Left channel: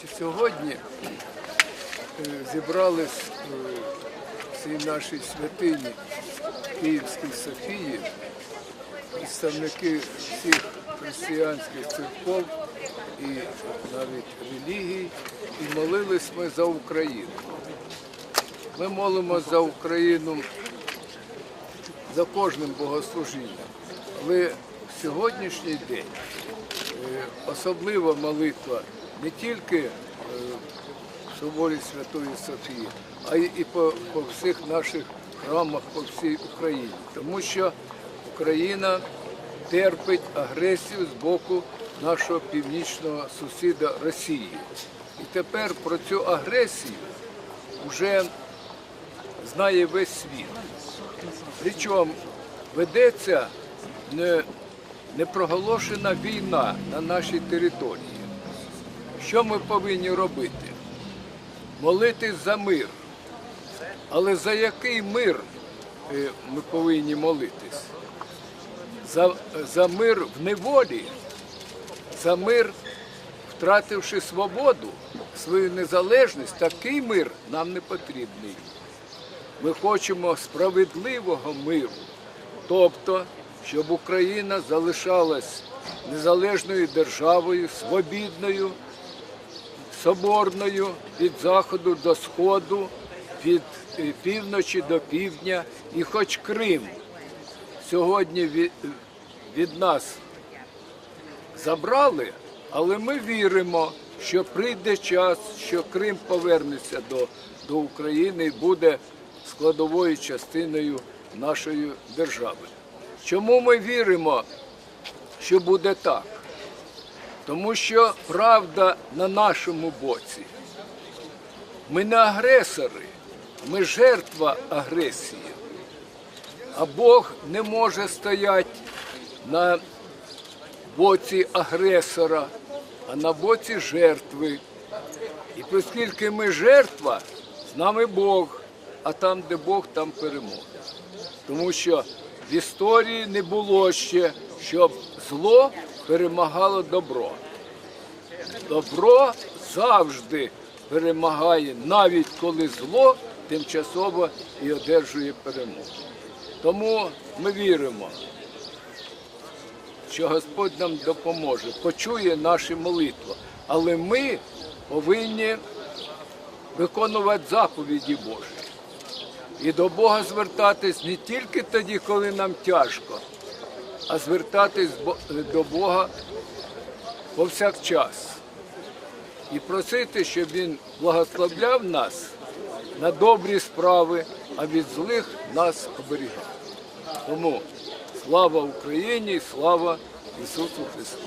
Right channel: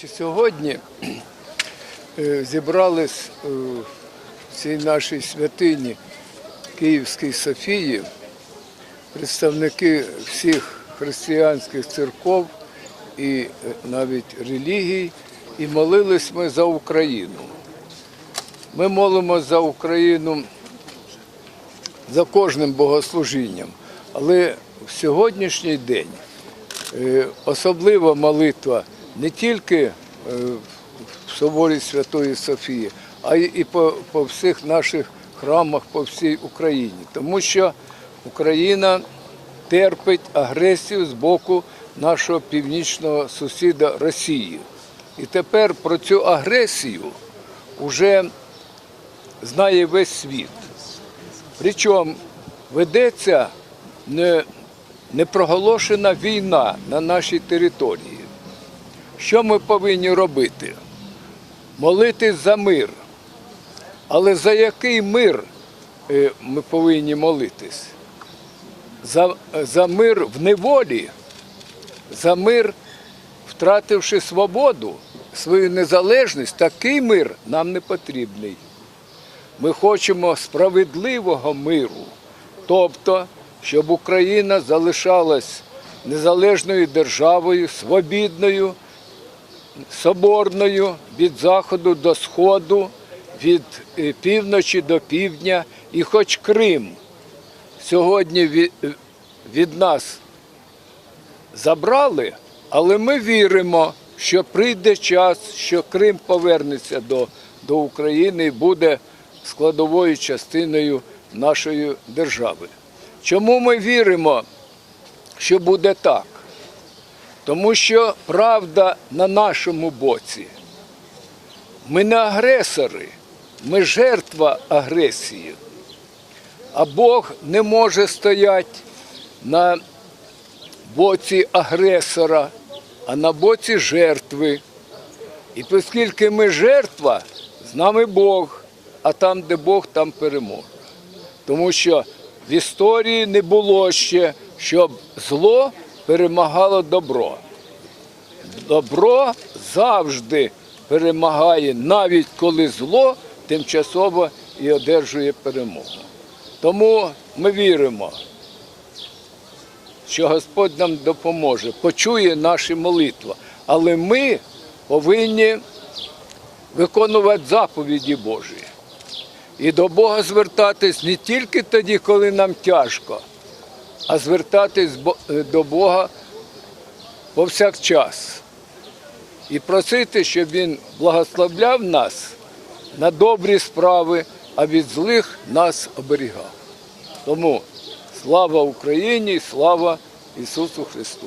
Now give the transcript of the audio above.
Чи Сьогодні е, зібрались в цій нашій святині Київській Софії представники всіх християнських церков і навіть релігій, і молились ми за Україну. Ми молимо за Україну за кожним богослужінням, але в сьогоднішній день Е, особлива молитва не тільки е, в соборі Святої Софії, а й по, по всіх наших храмах по всій Україні. Тому що Україна терпить агресію з боку нашого північного сусіда Росії. І тепер про цю агресію вже знає весь світ. Причому ведеться непроголошена війна на нашій території. Що ми повинні робити? Молитись за мир. Але за який мир е, ми повинні молитись? За, за мир в неволі, за мир, втративши свободу, свою незалежність, такий мир нам не потрібний. Ми хочемо справедливого миру, тобто, щоб Україна залишалась незалежною державою, свобідною, соборною від заходу до сходу, від е, півночі до півдня, і хоч Крим сьогодні від, від нас забрали, але ми віримо, що прийде час, що Крим повернеться до, до України і буде складовою частиною нашої держави. Чому ми віримо, що буде так? Тому що правда на нашому боці. Ми не агресори, ми жертва агресії. А Бог не може стояти на боці агресора, а на боці жертви. І оскільки ми жертва, з нами Бог, а там, де Бог, там перемога. Тому що в історії не було ще, щоб зло перемагало добро. Добро завжди перемагає, навіть коли зло тимчасово і одержує перемогу. Тому ми віримо, що Господь нам допоможе, почує наші молитви. Але ми повинні виконувати заповіді Божі. І до Бога звертатись не тільки тоді, коли нам тяжко, а звертатись до Бога повсякчас. І просити, щоб Він благословляв нас на добрі справи, а від злих нас оберігав. Тому слава Україні, слава Ісусу Христу!